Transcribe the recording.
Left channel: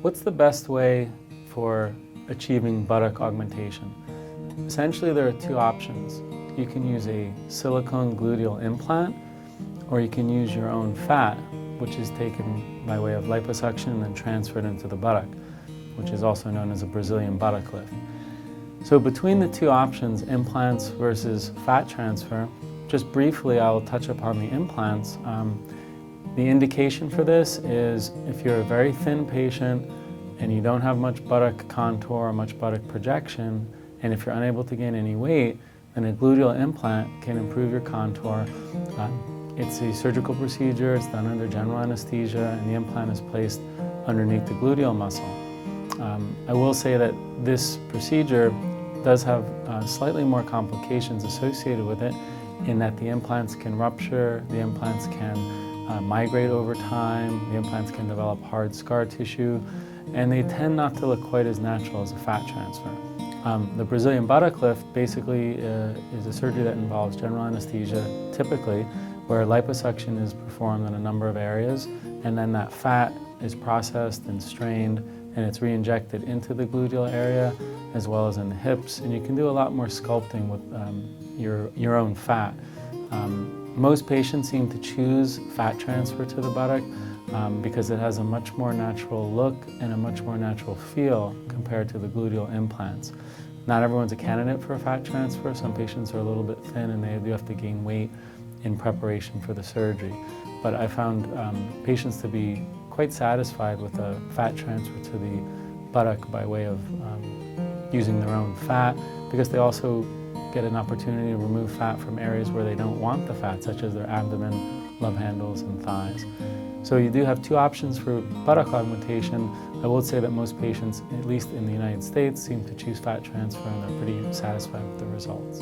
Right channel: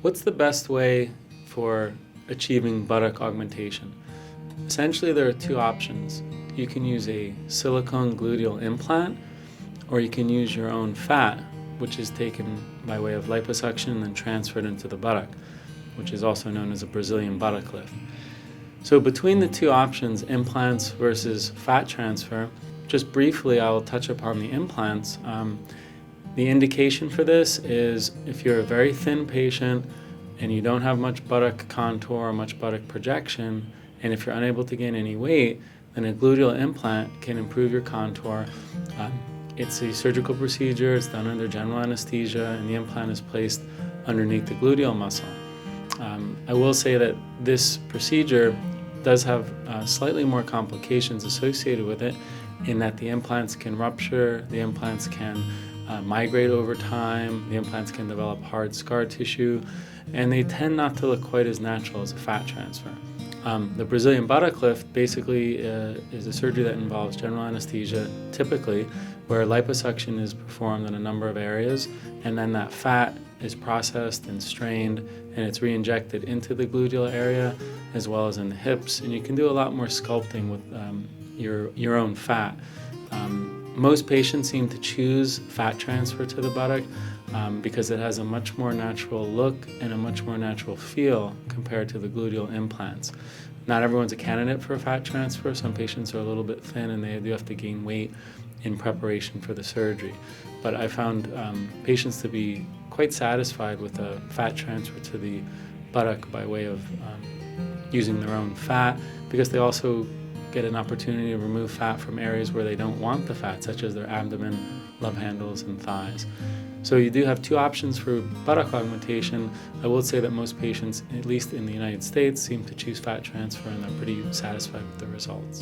What's the best way for achieving buttock augmentation? Essentially, there are two options. You can use a silicone gluteal implant, or you can use your own fat, which is taken by way of liposuction and then transferred into the buttock, which is also known as a Brazilian buttock lift. So between the two options, implants versus fat transfer, just briefly I will touch upon the implants. The indication for this is if you're a very thin patient and you don't have much buttock contour or much buttock projection, and if you're unable to gain any weight, then a gluteal implant can improve your contour. It's a surgical procedure, it's done under general anesthesia, and the implant is placed underneath the gluteal muscle. I will say that this procedure does have slightly more complications associated with it, in that the implants can rupture, the implants can migrate over time, the implants can develop hard scar tissue, and they tend not to look quite as natural as a fat transfer. The Brazilian buttock lift basically is a surgery that involves general anesthesia, typically, where liposuction is performed in a number of areas, and then that fat is processed and strained, and it's re-injected into the gluteal area as well as in the hips, and you can do a lot more sculpting with your own fat. Most patients seem to choose fat transfer to the buttock because it has a much more natural look and a much more natural feel compared to the gluteal implants. Not everyone's a candidate for a fat transfer. Some patients are a little bit thin and they do have to gain weight in preparation for the surgery. But I found patients to be quite satisfied with a fat transfer to the buttock by way of using their own fat, because they also get an opportunity to remove fat from areas where they don't want the fat, such as their abdomen, love handles, and thighs. So you do have two options for buttock augmentation. I will say that most patients, at least in the United States, seem to choose fat transfer, and they're pretty satisfied with the results.